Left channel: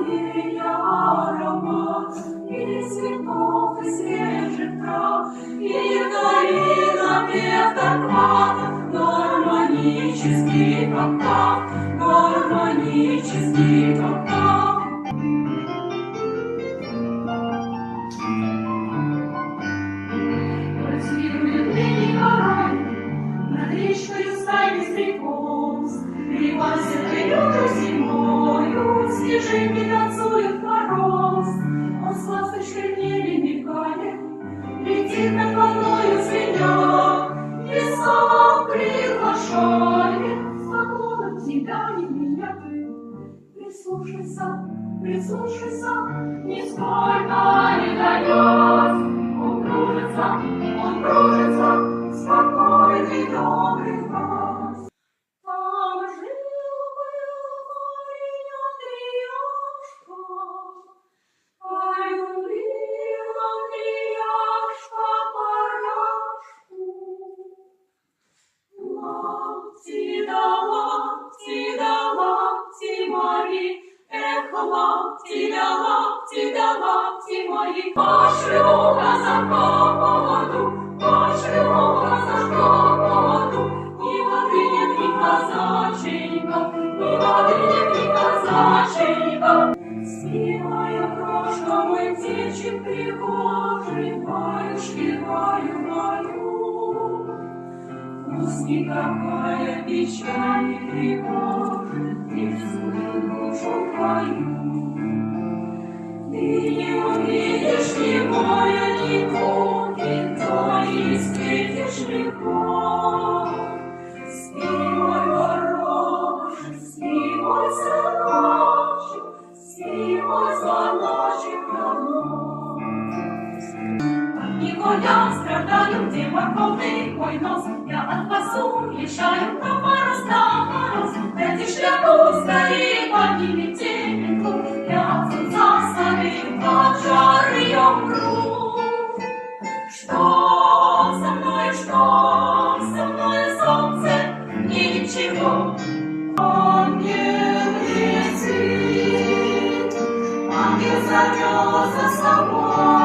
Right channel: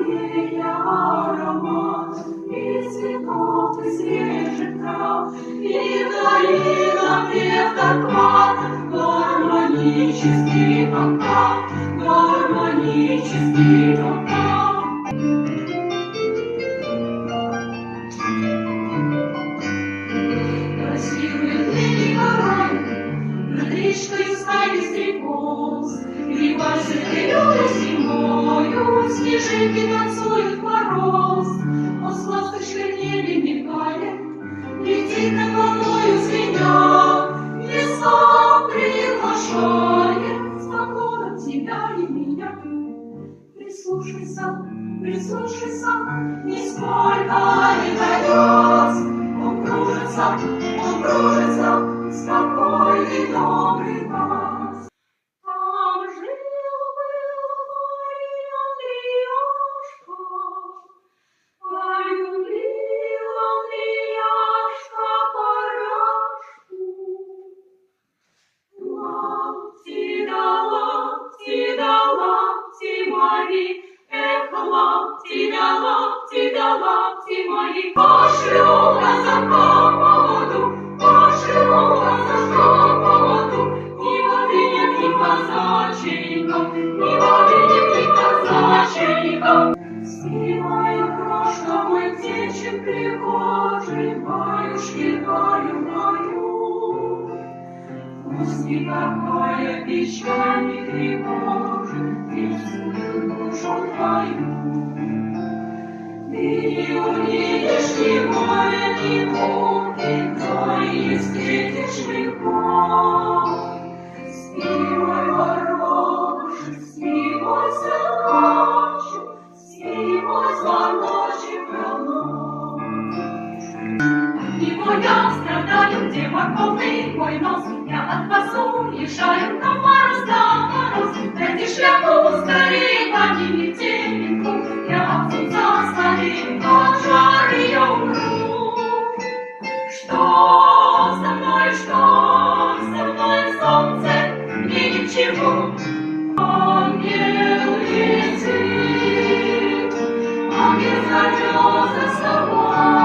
твоей аромат, и цветов, и свежих трав, и вдали напев Тарквата, гармонический октав, гармонический октав. Красивые ныне горой, над речкою стали стрекоз, грибася прилета зимою, снежинки танцуют мороз. Он с ласточкой в небе мигает, летит над водою звеня, леса приглашает с поклоном тебя и меня. Прислушайся, прислушайся, нисколько не дается. Он кружится, спокойный добрый газ. Там жил-был парень Андреяшка, полюбил Андреяшка паряшку. Лапти да лапти мои, эх, лапти да лапти мои. Пошел казака поводу, пошел казашка поводу, ни воды нет, ни казаченька, ни воды нет, ни казаченька. Спи, моя крошка, мой птенчик пригожий, баюшки, баю. Пусть никакая печаль не тревожит детскую душу твою. Ты не увидишь ни горя, ни муки, но и встретишь легко. Спи, мой горошек, спи, мой сыночек, спи, мой звоночек давно. От него я страдаю, где морковный мой нос, я от пасу решаю на мороз, дайте шляпу скорее, подними теленку, я отцу заслоним, от жары я умру. Что со мной, солнце, мне ничего. Ангел летит, ангел зовет за собой.